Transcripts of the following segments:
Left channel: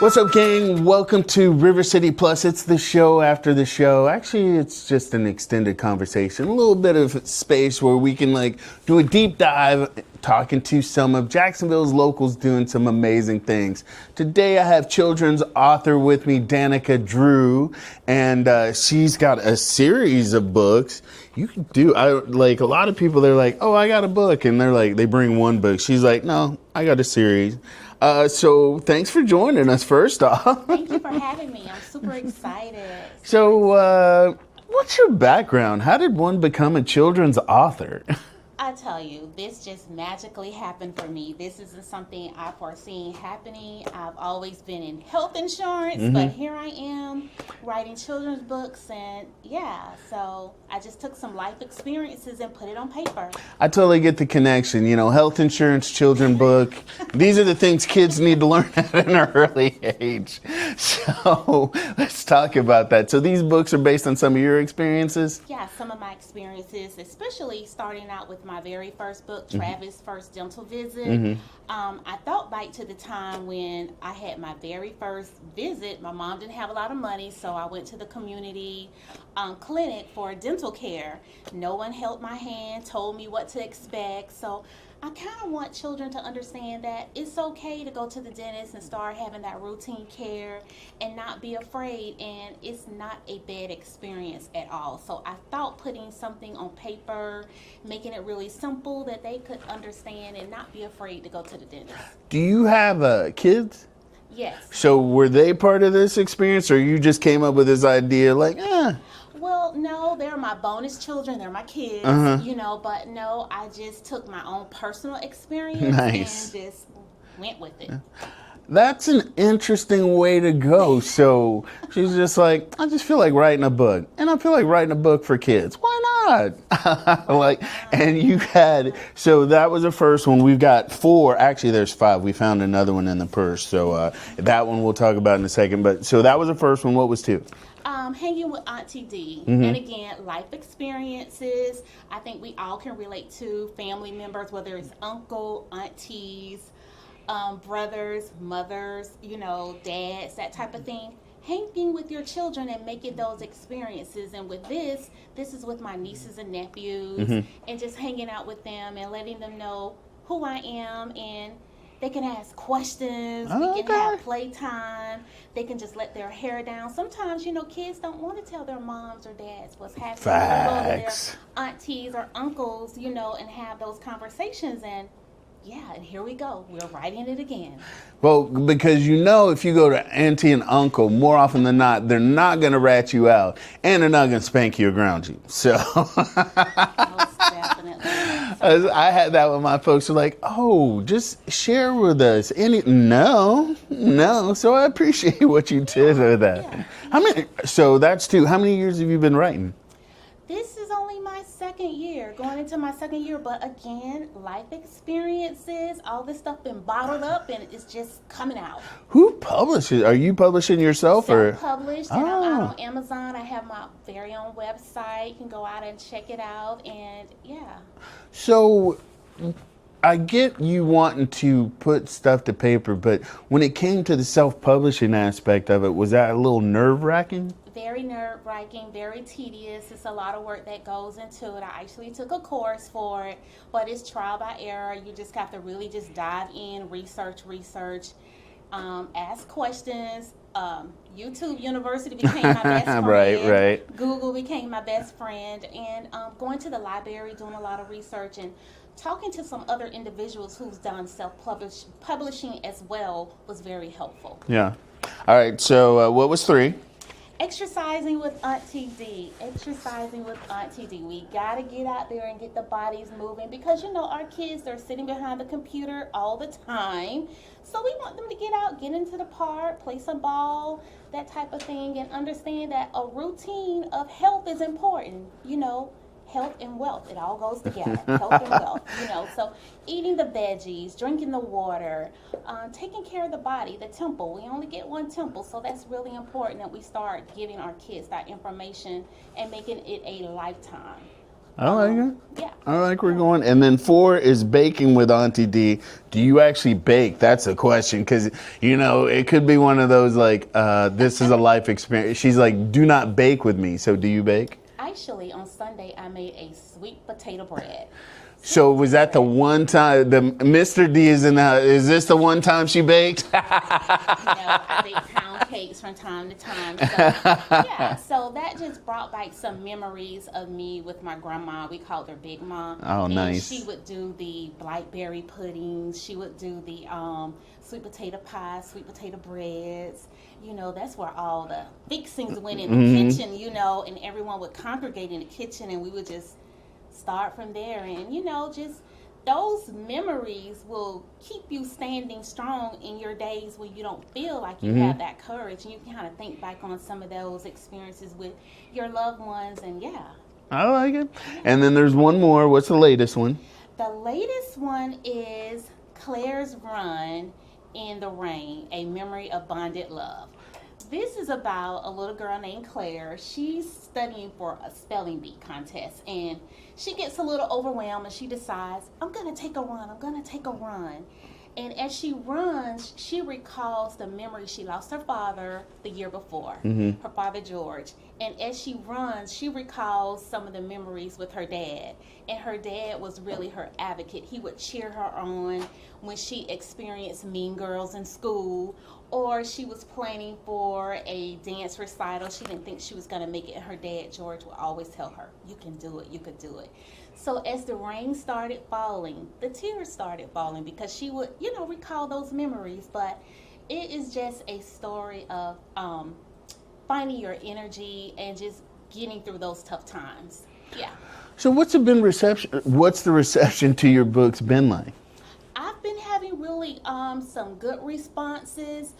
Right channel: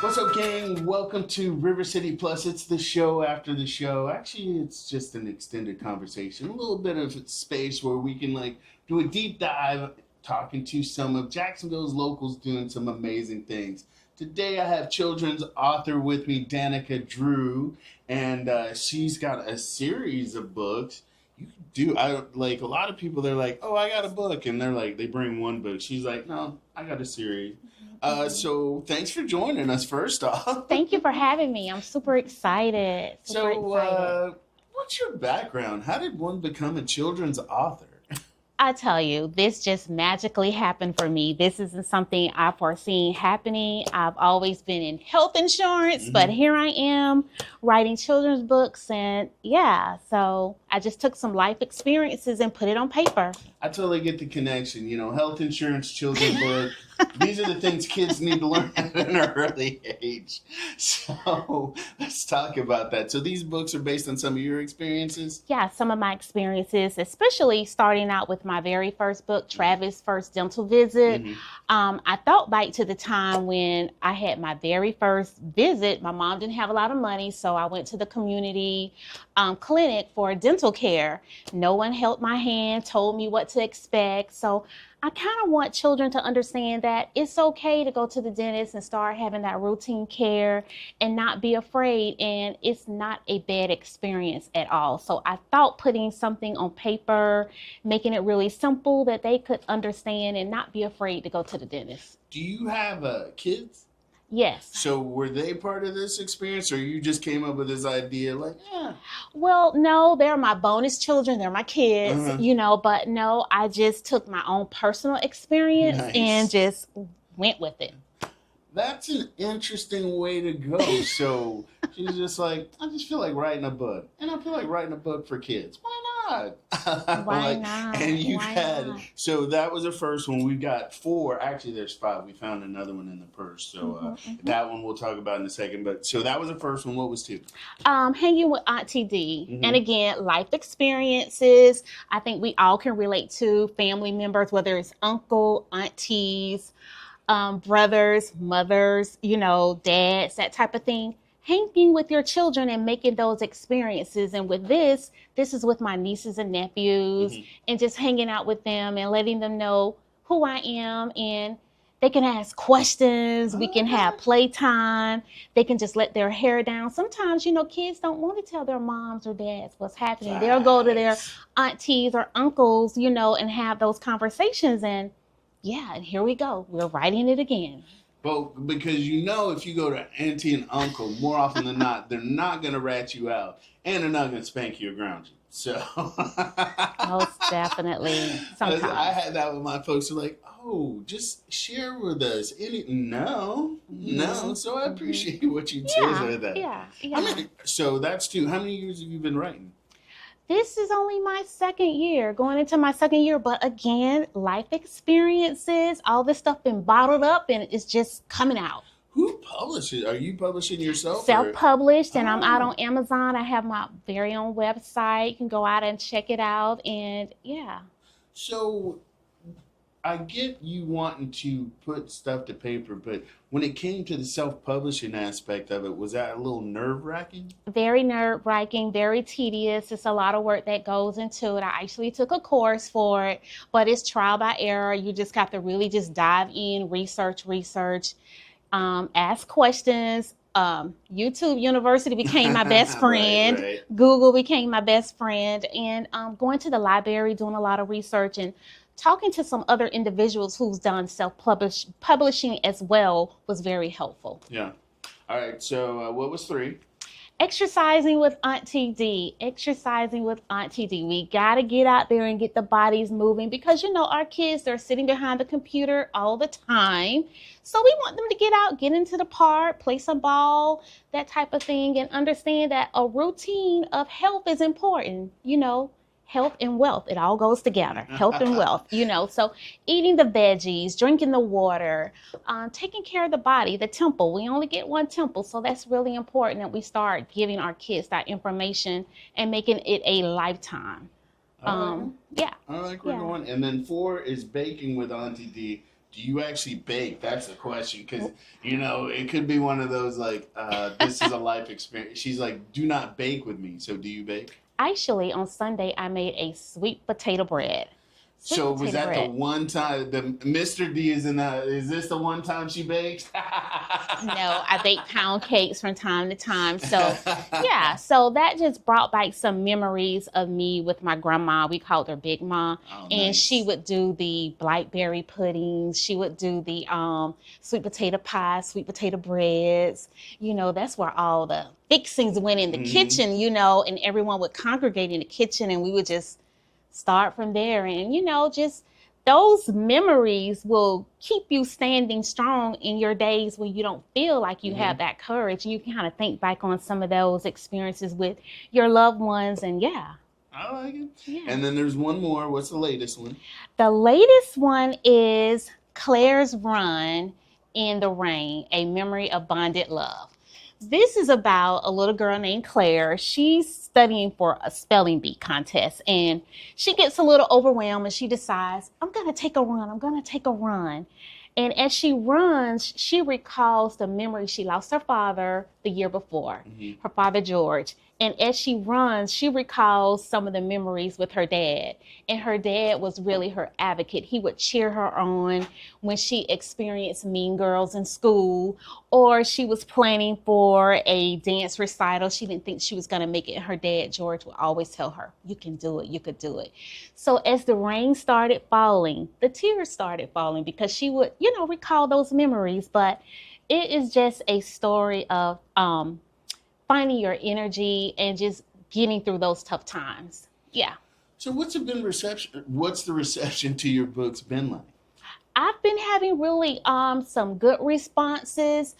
What's up, gang? Welcome to River City Plus. It's the show after the show. Actually, it's just an extended conversation, a little bit of space where we can do a deep dive talking to some of Jacksonville's locals doing some amazing things. Today I have children's author with me, Danica Drew, and she's got a series of books. You can do, a lot of people, they're like, oh, I got a book, and they're like, they bring one book. She's like, no, I got a series. So thanks for joining us first off. Thank you for having me. I'm super excited. What's your background? How did one become a children's author? I tell you, this just magically happened for me. This isn't something I foreseen happening. I've always been in health insurance, but here I am writing children's books, and so I just took some life experiences and put it on paper. I totally get the connection. You know, health insurance, children's book. These are the things kids need to learn at an early age. So let's talk about that. So these books are based on some of your experiences? Yeah, some of my experiences, especially starting out with my very first book, Travis' First Dental Visit. I thought back to the time when I had my very first visit. My mom didn't have a lot of money, so I went to the community clinic for dental care. No one held my hand, told me what to expect. So I kind of want children to understand that it's okay to go to the dentist and start having that routine care and not be afraid, and it's not a bad experience at all. So I thought putting something on paper, making it really simple that they could understand and not be afraid to go to the dentist. Do you have kids? Yes. So were they part of this experience, or you just came up with this idea Well, no, they're my bonus children. They're my kids, but no, I just took my own personal experience and just went with it. That's an interesting way to go. So she's just like, I just feel like writing a book, and I feel like writing a book for kids. Why not? And you had, so that was the first one. We've got 4. Actually, there's 5. We found another one in the purse. So that one we'll talk about in a second. But so that was the first one. What was 2? Hanging with Auntie D. And again, life experiences. I think we all can relate to family members, whether it's uncle, aunties, brothers, mothers, dads, that type of thing. Hanging with your children and making those experiences. And with this is with my nieces and nephews, and just hanging out with them and letting them know who I am, and they can ask questions. We can have playtime. They can just let their hair down. Sometimes, kids don't want to tell their moms or dads what's happening. They'll go to their aunties or uncles, and have those conversations. And and here we go. We're writing it again. Well, because if you go to auntie and uncle, more often than not, they're not going to rat you out, and they're not going to spank you or ground you. So most definitely. I had that with my folks who are like, oh, just share with us. No. So I appreciate what you did with that. Yeah. So that's 2. How many years have you been writing? This is only my second year, going into my second year. But again, life experiences, all this stuff been bottled up and it's just coming out. Who publishes? Are you publishing yourself? Self-published, and I'm out on Amazon. I have my very own website. You can go out and check it out, and So I get you wanting to put stuff to paper, but when it came to the self-publishing aspect of it, was that a little nerve-wracking? Very nerve-wracking, very tedious. It's a lot of work that goes into it. I actually took a course for it, but it's trial by error. You just have to really just dive in, research, ask questions. YouTube University became my best friend. Right. Google became my best friend. And going to the library, doing a lot of research, and talking to some other individuals who's done self-publishing as well was very helpful. Yeah. All right. So what was 3? Exercising with Auntie D. We got to get out there and get the bodies moving, because, our kids, they're sitting behind the computer all the time. So we want them to get out, get into the park, play some ball, that type of thing, and understand that a routine of health is important. Health and wealth, it all goes together. Health and wealth, So eating the veggies, drinking the water, taking care of the body, the temple. We only get one temple, so that's really important that we start giving our kids that information and making it a lifetime. I like it. Yeah. I like where we're going. And then 4 is baking with Auntie D. Do you actually bake? That's a question because, it could be one of those like, this is a life experience. She's like, do not bake with me. So do you bake? Actually, on Sunday, I made a sweet potato bread. So was that the one time the Mr. D is in the house? Is this the one time she baked? I bake pound cakes from time to time. So yeah, so that just brought back some memories of me with my grandma. We called her Big Mom. Oh, and nice. she would do the blackberry puddings. She would do the sweet potato pie, sweet potato breads. That's where all the fixings went in the kitchen, and everyone would congregate in the kitchen and we would just start from there. And, just those memories will keep you standing strong in your days when you don't feel like you have that courage. You can kind of think back on some of those experiences with your loved ones. And I like it. Yeah. And then there's one more. What's the latest one? The latest one is Claire's Run in the Rain, A Memory of Bonded Love. This is about a little girl named Claire. She's studying for a spelling bee contest and she gets a little overwhelmed and she decides, I'm going to take a run. And as she runs, she recalls the memory. She lost her father the year before, her father, George. And as she runs, she recalls some of the memories with her dad. And her dad was really her advocate. He would cheer her on when she experienced Mean Girls in school, or she was planning for a dance recital. She didn't think she was going to make it. And her dad, George, would always tell her, you can do it, you could do it. So as the rain started falling, the tears started falling because she would, recall those memories. But it is just a story of finding your energy and just getting through those tough times. Yeah. So what's the reception to your books been like? I've been having really some good responses,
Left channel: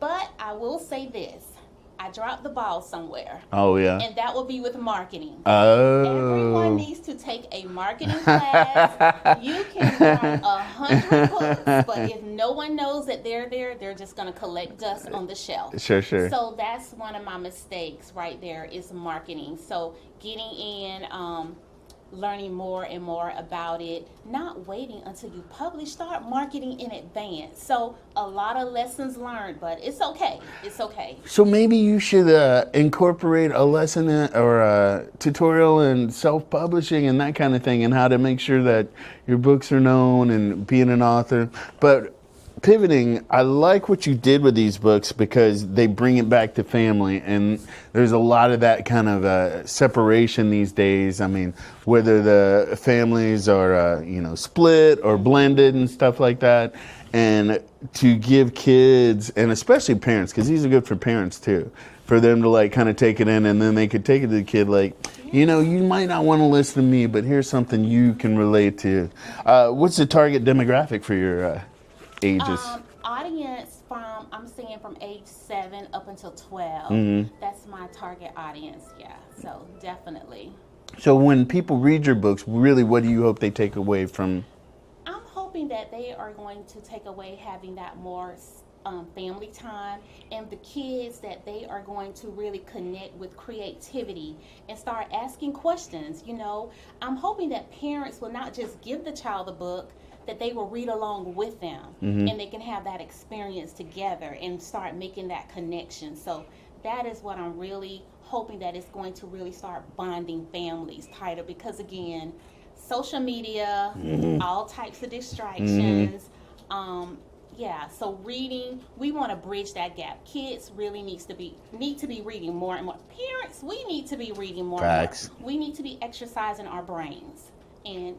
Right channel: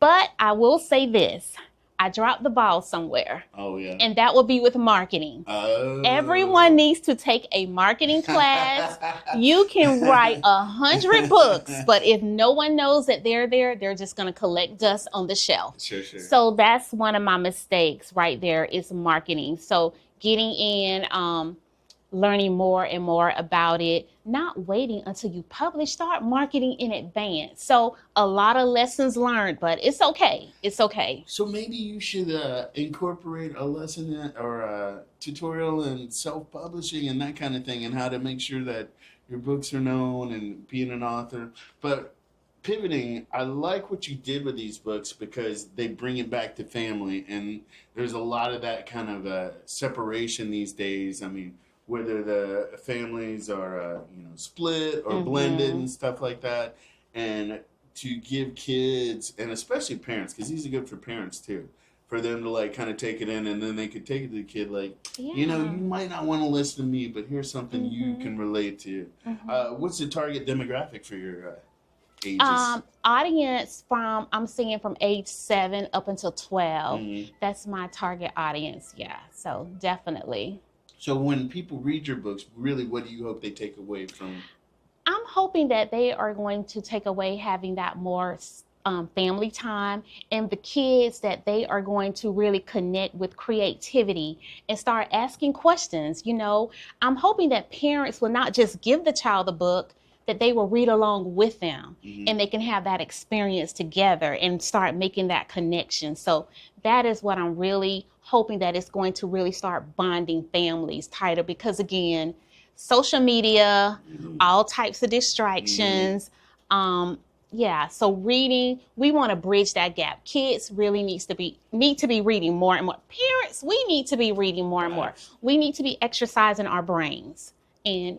but I will say this. I dropped the ball somewhere. Oh, yeah. And that would be with marketing. Oh. Everyone needs to take a marketing class. You can write 100 books, but if no one knows that they're there, they're just going to collect dust on the shelf. Sure. So that's one of my mistakes right there is marketing. So getting in, learning more and more about it, not waiting until you publish, start marketing in advance. So a lot of lessons learned, but it's okay. It's okay. So maybe you should incorporate a lesson or a tutorial in self-publishing and that kind of thing and how to make sure that your books are known and being an author. But pivoting, I like what you did with these books because they bring it back to family, and there's a lot of that kind of separation these days. I mean, whether the families are split or blended and stuff like that, and to give kids and especially parents, because these are good for parents too, for them to like kind of take it in, and then they could take it to the kid like, you might not want to listen to me, but here's something you can relate to. What's the target demographic for your ages? Audience I'm seeing from age 7 up until 12. That's my target audience. Yeah, so definitely. So when people read your books, really, what do you hope they take away from? I'm hoping that they are going to take away having that more family time, and the kids that they are going to really connect with creativity and start asking questions. I'm hoping that parents will not just give the child a book, that they will read along with them and they can have that experience together and start making that connection. So that is what I'm really hoping, that it's going to really start bonding families tighter, because again, social media, all types of distractions. So reading, we want to bridge that gap. Kids really need to be reading more and more. Parents, we need to be reading more and more. We need to be exercising our brains. And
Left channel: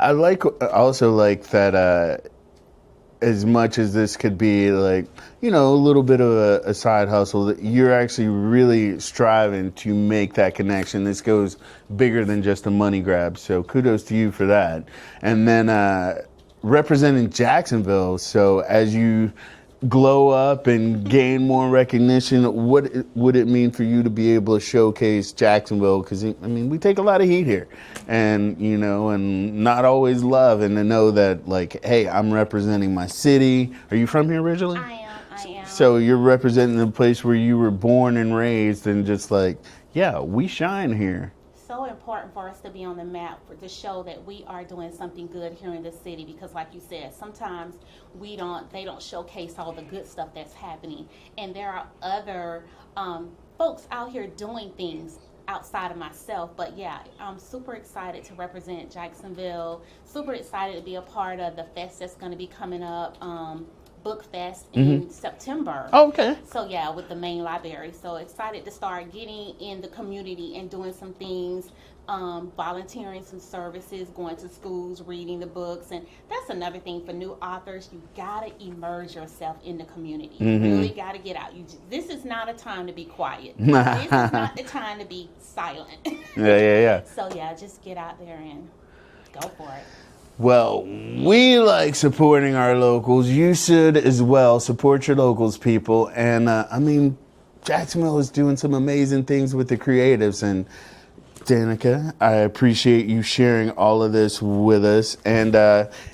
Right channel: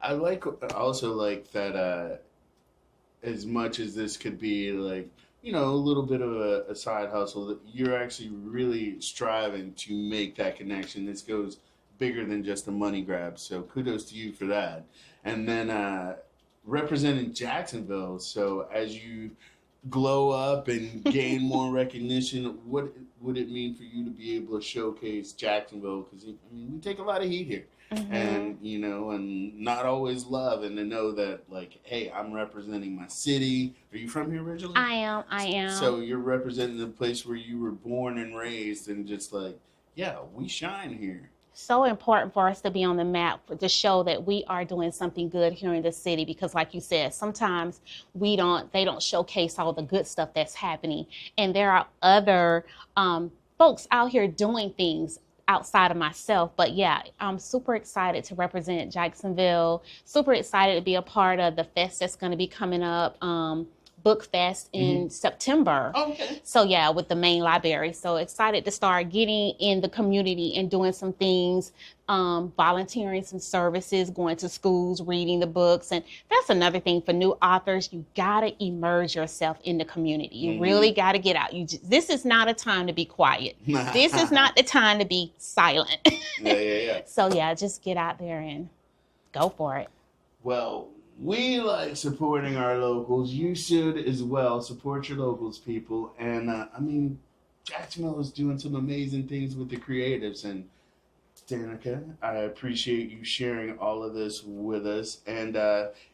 I also like that as much as this could be like, a little bit of a side hustle, that you're actually really striving to make that connection. This goes bigger than just a money grab. So kudos to you for that. And then representing Jacksonville. So as you glow up and gain more recognition, what would it mean for you to be able to showcase Jacksonville? Because we take a lot of heat here, and and not always love, and to know that like, hey, I'm representing my city. Are you from here originally? I am. So you're representing the place where you were born and raised, and just like, yeah, we shine here. so important for us to be on the map to show that we are doing something good here in the city, because like you said, sometimes they don't showcase all the good stuff that's happening, and there are other folks out here doing things outside of myself. But yeah, I'm super excited to represent Jacksonville, super excited to be a part of the fest that's going to be coming up, Book Fest in September. Oh, okay. So yeah, with the main library. So excited to start getting in the community and doing some things, volunteering some services, going to schools, reading the books. And that's another thing for new authors. You gotta immerse yourself in the community. You really gotta get out. This is not a time to be quiet. This is not the time to be silent. Yeah. So yeah, just get out there and go for it. Well, we like supporting our locals. You should as well support your locals, people. And I mean, Jacksonville is doing some amazing things with the creatives. And Danica, I appreciate you sharing all of this with us. And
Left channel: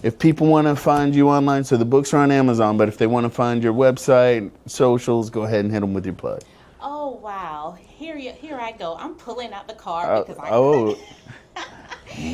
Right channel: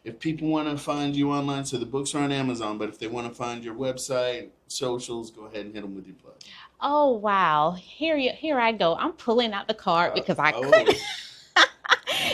if people want to find you online, so the books are on Amazon, but if they want to find your website, socials, go ahead and hit them with your plug. Oh wow! Here I go. I'm pulling out the card because I.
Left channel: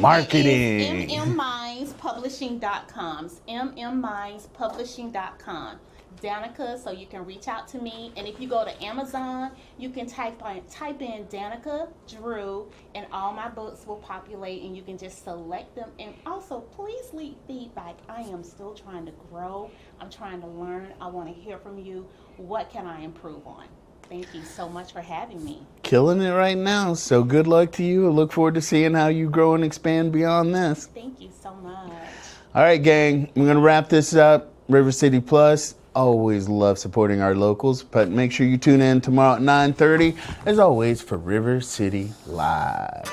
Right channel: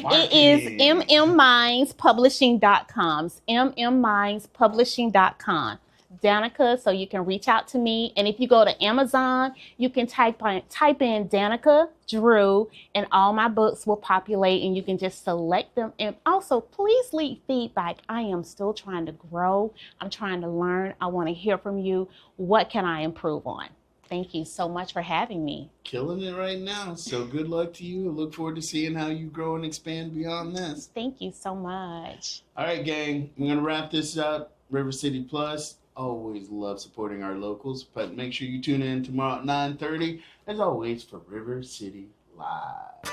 Marketing. It is mmmindspublishing.com. mmmindspublishing.com. Danica, so you can reach out to me. And if you go to Amazon, you can type in Danica Drew, and all my books will populate, and you can just select them. And also, please leave feedback. I am still trying to grow. I'm trying to learn. I want to hear from you. What can I improve on? Thank you so much for having me. Killing it right now. So good luck to you. I look forward to seeing how you grow and expand beyond this. Thank you so much. All right, gang. We're going to wrap this up. River City Plus. Always love supporting our locals, but make sure you tune in tomorrow at 9:30, as always, for River City Live.